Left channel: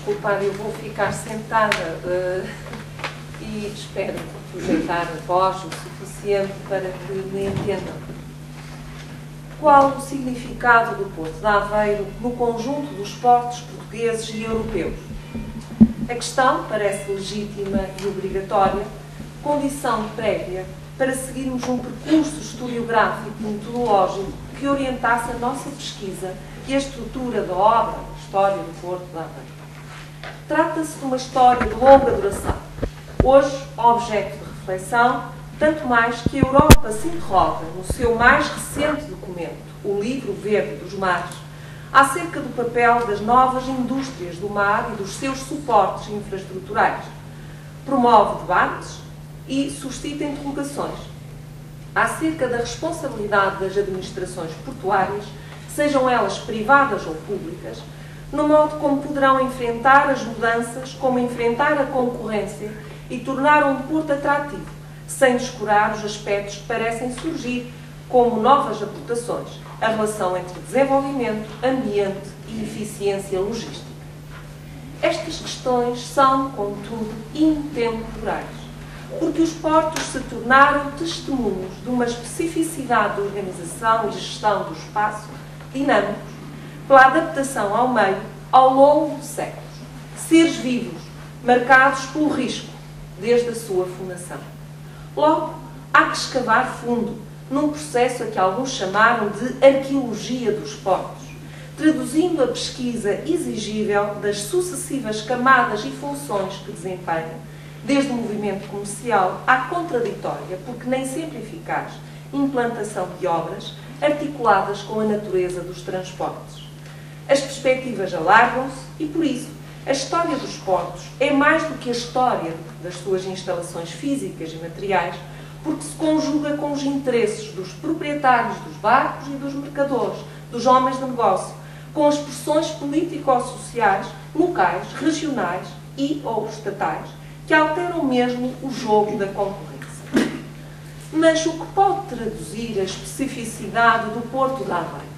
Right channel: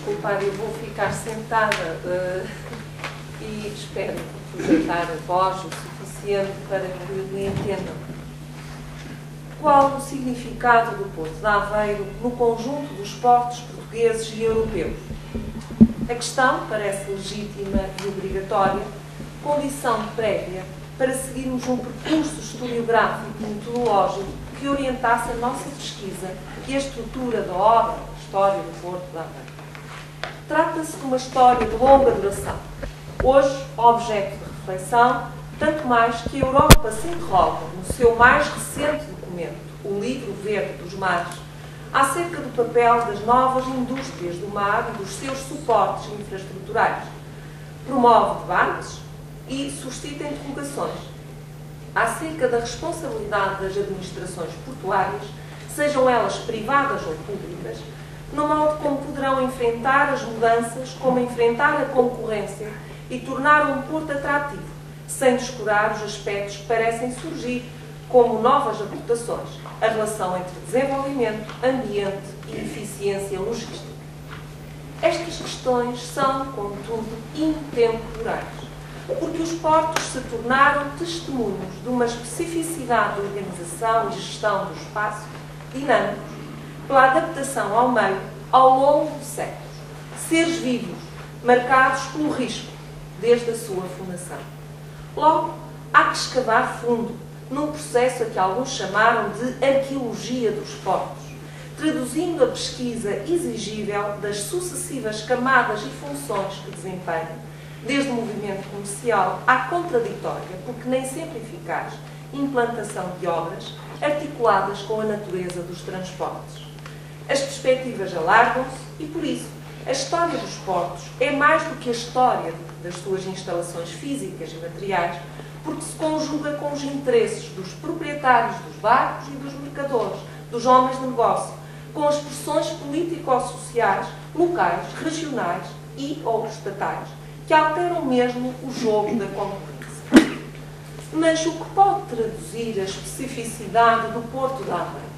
desculpar, eu vou ficar sentada e espero aproveitar a voz o suficiente para que me entendam. Qual o significado do Porto de Aveiro no conjunto dos portos portugueses e europeus? A questão parece legítima e obrigatória, condição prévia para seguirmos um percurso historiográfico e metodológico que orientasse a nossa pesquisa e a estrutura da obra, a história do Porto de Aveiro. Trata-se de uma história de longa duração, hoje objeto de reflexão, tanto mais que a Europa se interroga no seu mais recente documento, o Livro Verde dos Mares, acerca do papel das novas indústrias do mar e dos seus suportes infraestruturais. Promove debates e suscita interrogações acerca da responsabilidade das administrações portuárias, sejam elas privadas ou públicas, no modo como poderão enfrentar as mudanças, como enfrentar a concorrência e tornar um porto atrativo, sem descurar os aspectos que parecem surgir como novas aportações, a relação entre desenvolvimento, ambiente e eficiência logística. Estas questões são, contudo, intemporais, porque os portos se tornaram testemunhos de uma especificidade de organização e gestão do espaço dinâmicos, pela adaptação ao meio ao longo de séculos, seres vivos, marcados pelo risco, desde a sua fundação. Logo, há que escavar fundo, num processo a que alguns chamaram de arqueologia dos portos, traduzindo a pesquisa exigível das sucessivas camadas e funções que desempenham, desde o movimento comercial à contraditória, porque nem sempre eficaz, implantação de obras articuladas com a natureza dos transportes. As perspectivas alargam-se e, por isso, a história dos portos é mais do que a história das suas instalações físicas e materiais, porque se conjuga com os interesses dos proprietários dos barcos e dos mercadores, dos homens de negócio, com as pressões político-sociais, locais, regionais e ou estatais, que alteram mesmo o jogo da concorrência. Mas o que pode traduzir a especificidade do Porto de Aveiro?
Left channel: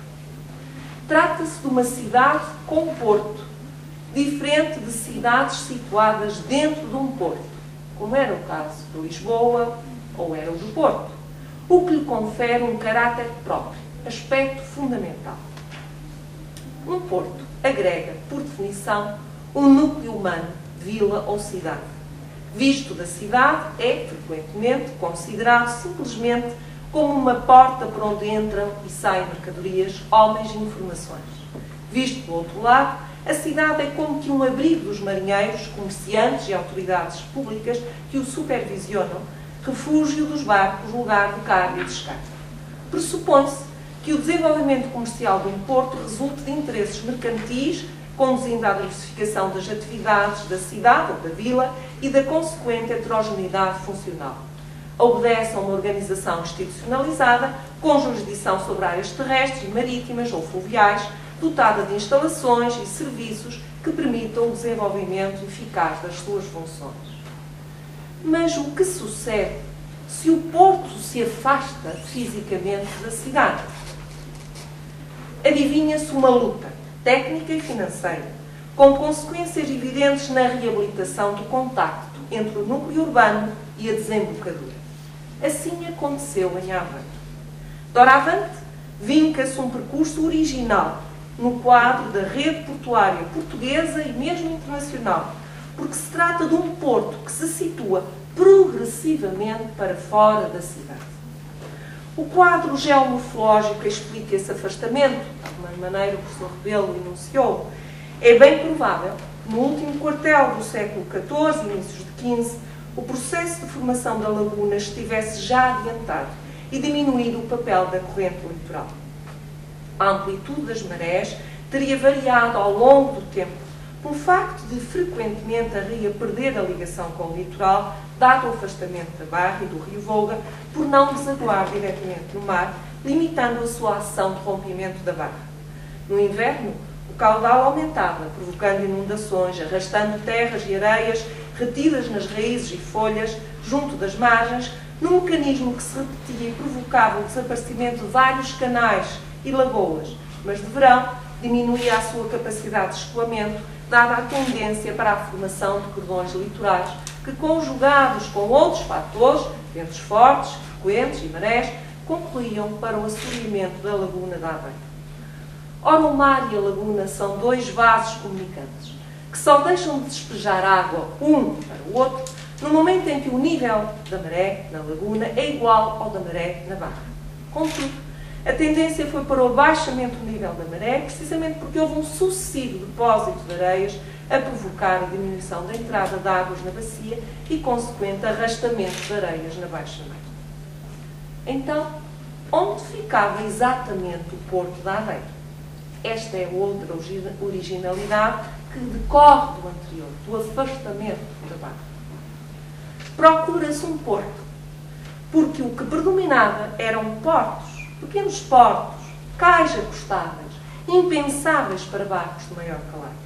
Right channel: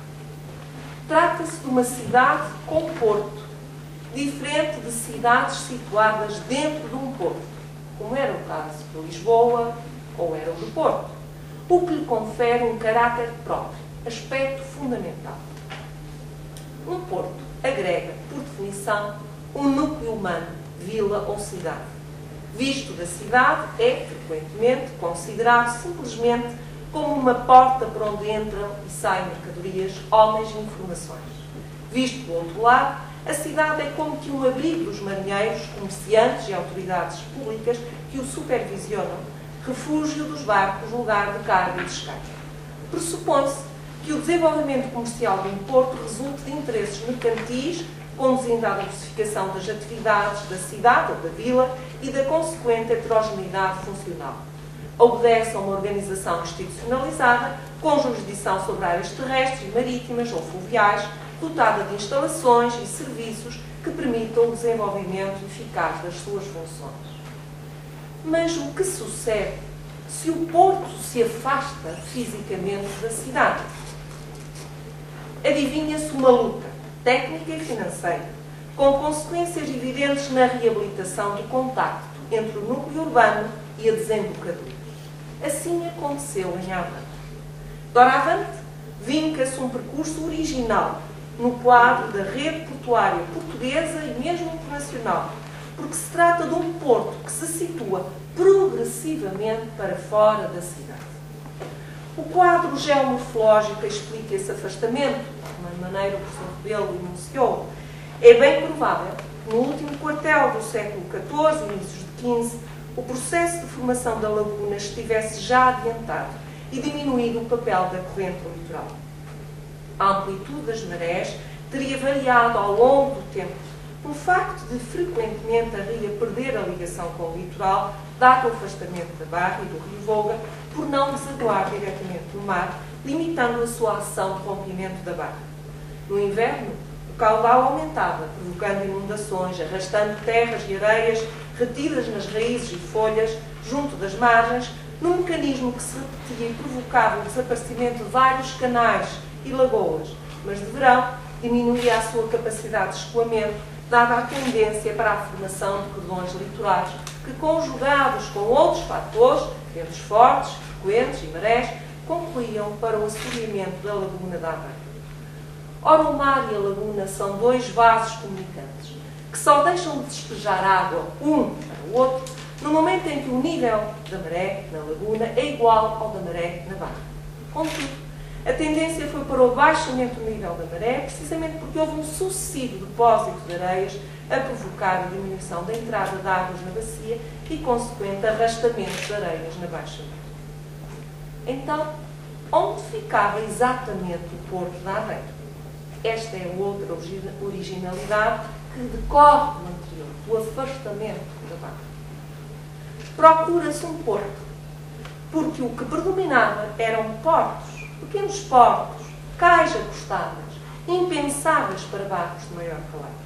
Trata-se de uma cidade com porto, diferente de cidades situadas dentro de um porto, como era o caso de Lisboa ou era o do Porto, o que lhe confere um caráter próprio, aspecto fundamental. Um porto agrega, por definição, um núcleo humano, vila ou cidade. Visto da cidade, é, frequentemente, considerado simplesmente como uma porta por onde entram e saem mercadorias, homens e informações. Visto do outro lado, a cidade é como que um abrigo dos marinheiros, comerciantes e autoridades públicas que o supervisionam, refúgio dos barcos, lugar de carga e descarga. Pressupõe-se que o desenvolvimento comercial de um porto resulte de interesses mercantis, conduzindo à diversificação das atividades da cidade ou da vila e da consequente heterogeneidade funcional. Obedece a uma organização institucionalizada, com jurisdição sobre áreas terrestres e marítimas ou fluviais, dotada de instalações e serviços que permitam o desenvolvimento eficaz das suas funções. Mas o que sucede se o porto se afasta fisicamente da cidade? Adivinha-se uma luta técnica e financeira, com consequências evidentes na reabilitação do contacto entre o núcleo urbano e a desembocadura. Assim aconteceu em Aveiro. Doravante, vinca-se um percurso original no quadro da rede portuária portuguesa e mesmo internacional, porque se trata de um porto que se situa progressivamente para fora da cidade. O quadro geomorfológico explica esse afastamento, de uma maneira o professor Rebelo enunciou. É bem provável que no último quartel do século XIV, inícios de XV, o processo de formação da laguna estivesse já adiantado e diminuído o papel da corrente litoral. A amplitude das marés teria variado ao longo do tempo, pelo facto de frequentemente a ria perder a ligação com o litoral, dado o afastamento da Barra e do rio Volga, por não desaguar diretamente no mar, limitando a sua ação de rompimento da Barra. No inverno, o caudal aumentava, provocando inundações, arrastando terras e areias retidas nas raízes e folhas, junto das margens, num mecanismo que se repetia e provocava o desaparecimento de vários canais e lagoas, mas de verão diminuía a sua capacidade de escoamento, dada a tendência para a formação de cordões litorais que, conjugados com outros fatores, ventos fortes, frequentes e marés, concluíam para o assoreamento da laguna de Aveiro. Ora, o mar e a laguna são dois vasos comunicantes, que só deixam de despejar água um para o outro no momento em que o nível da maré na laguna é igual ao da maré na barra. Contudo, a tendência foi para o baixamento do nível da maré, precisamente porque houve um sucessivo depósito de areias a provocar a diminuição da entrada de águas na bacia e consequente arrastamento de areias na baixa mar. Então, onde ficava exatamente o Porto de Aveiro? Esta é outra originalidade que decorre do anterior, do afastamento da barra. Procura-se um porto, porque o que predominava eram portos, pequenos portos, cais acostáveis, impensáveis para barcos de maior calado.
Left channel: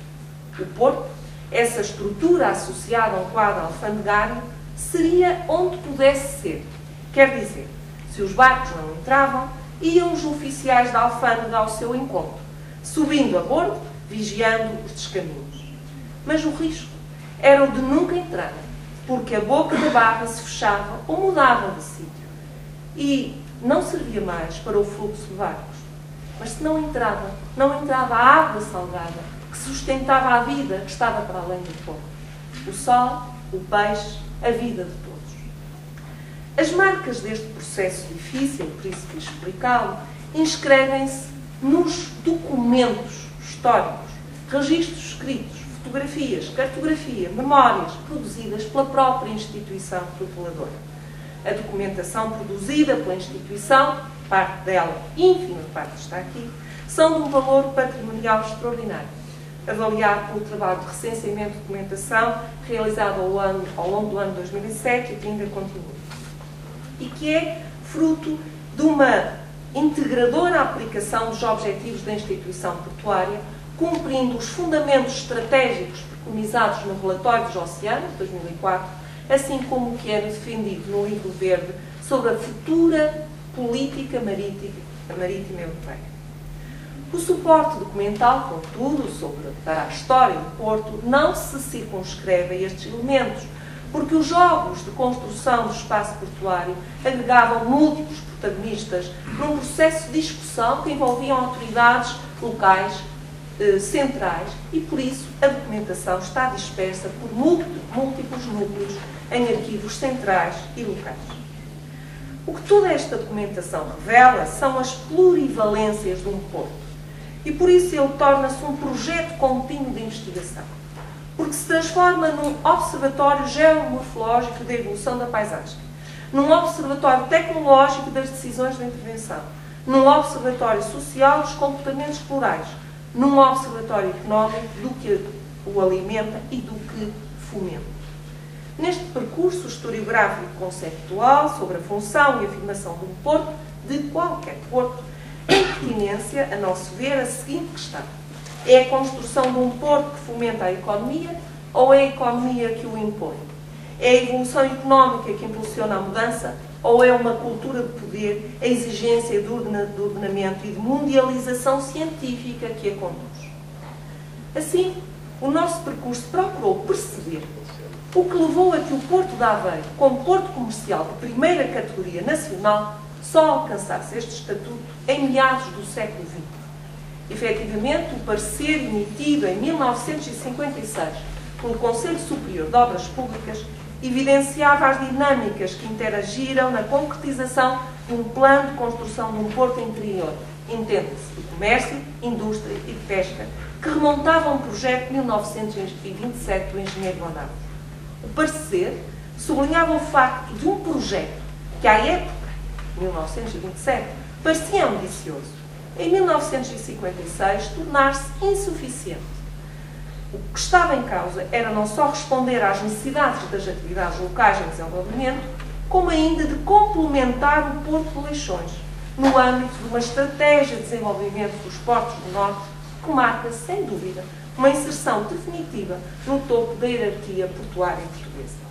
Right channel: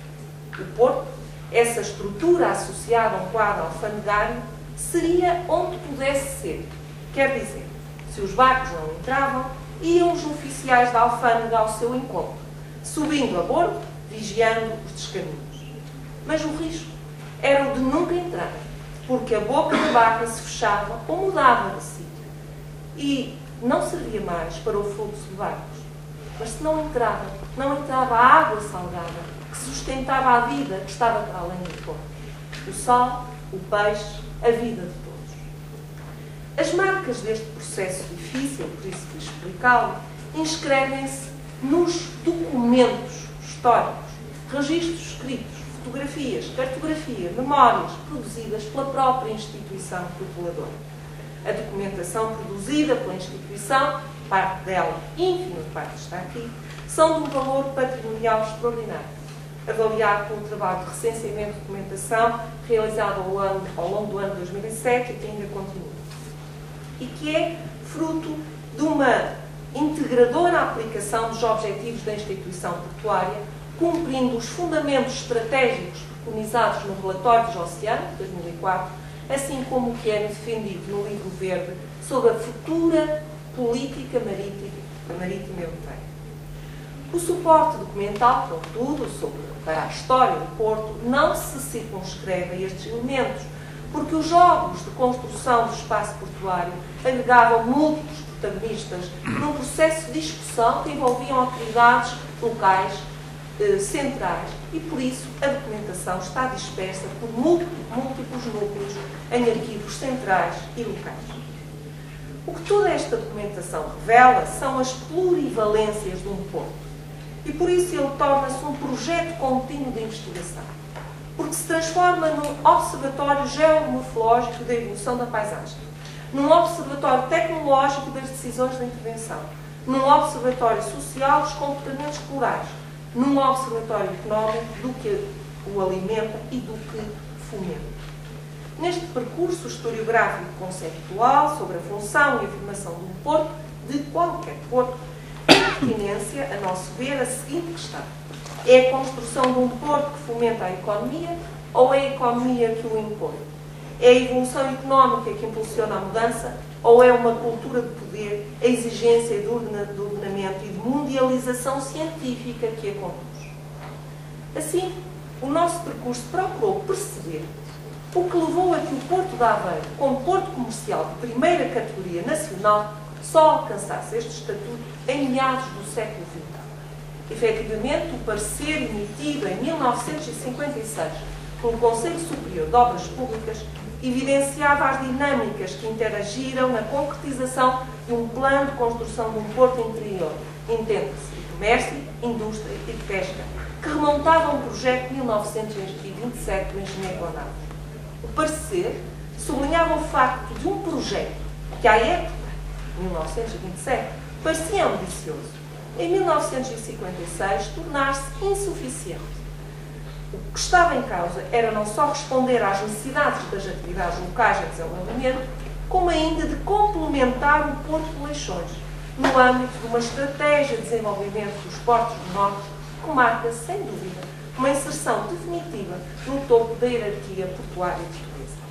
O porto, essa estrutura associada a um quadro alfandegário, seria onde pudesse ser. Quer dizer, se os barcos não entravam, iam os oficiais da alfândega ao seu encontro, subindo a bordo, vigiando os descaminhos. Mas o risco era o de nunca entrarem, porque a boca da barra se fechava ou mudava de sítio e não servia mais para o fluxo de barcos. Mas se não entrava a água salgada que sustentava a vida que estava para além do porto. O sol, o peixe, a vida de todos. As marcas deste processo difícil, por isso quis explicá-lo, inscrevem-se nos documentos históricos, registros escritos, fotografias, cartografia, memórias produzidas pela própria instituição tuteladora. A documentação produzida pela instituição, parte dela, ínfima parte está aqui, são de um valor patrimonial extraordinário, avaliado pelo trabalho de recenseamento de documentação realizado ao longo do ano 2007 e que ainda continua. E que é fruto de uma integradora aplicação dos objetivos da instituição portuária, cumprindo os fundamentos estratégicos preconizados no Relatório dos Oceanos, de 2004, assim como o que era defendido no Livro Verde sobre a futura política marítima europeia. O suporte documental, contudo, para a história do Porto, não se circunscreve a estes elementos, porque os jogos de construção do espaço portuário agregavam múltiplos protagonistas num processo de discussão que envolviam autoridades locais, centrais, e por isso a documentação está dispersa por múltiplos núcleos em arquivos centrais e locais. O que toda esta documentação revela são as plurivalências de um porto, e por isso ele torna-se um projeto contínuo de investigação, porque se transforma num observatório geomorfológico da evolução da paisagem, num observatório tecnológico das decisões de intervenção, num observatório social dos comportamentos plurais, num observatório económico do que o alimenta e do que fomenta. Neste percurso historiográfico conceptual sobre a função e afirmação de um porto, de qualquer porto, tem pertinência, a nosso ver, a seguinte questão: é a construção de um porto que fomenta a economia ou é a economia que o impõe? É a evolução económica que impulsiona a mudança ou é uma cultura de poder, a exigência de ordenamento e de mundialização científica que a conduz? Assim, o nosso percurso procurou perceber o que levou a que o Porto de Aveiro, como porto comercial de primeira categoria nacional, só alcançasse este estatuto em meados do século XX. Efetivamente, o parecer emitido em 1956 pelo Conselho Superior de Obras Públicas evidenciava as dinâmicas que interagiram na concretização de um plano de construção de um porto interior, entenda-se, de comércio, indústria e pesca, que remontava a um projeto de 1927 do engenheiro Bonado. O parecer sublinhava o facto de um projeto que, à época, 1927, parecia ambicioso, em 1956 tornar-se insuficiente. O que estava em causa era não só responder às necessidades das atividades locais em desenvolvimento, como ainda de complementar o Porto de Leixões, no âmbito de uma estratégia de desenvolvimento dos portos do Norte, que marca, sem dúvida, uma inserção definitiva no topo da hierarquia portuária portuguesa.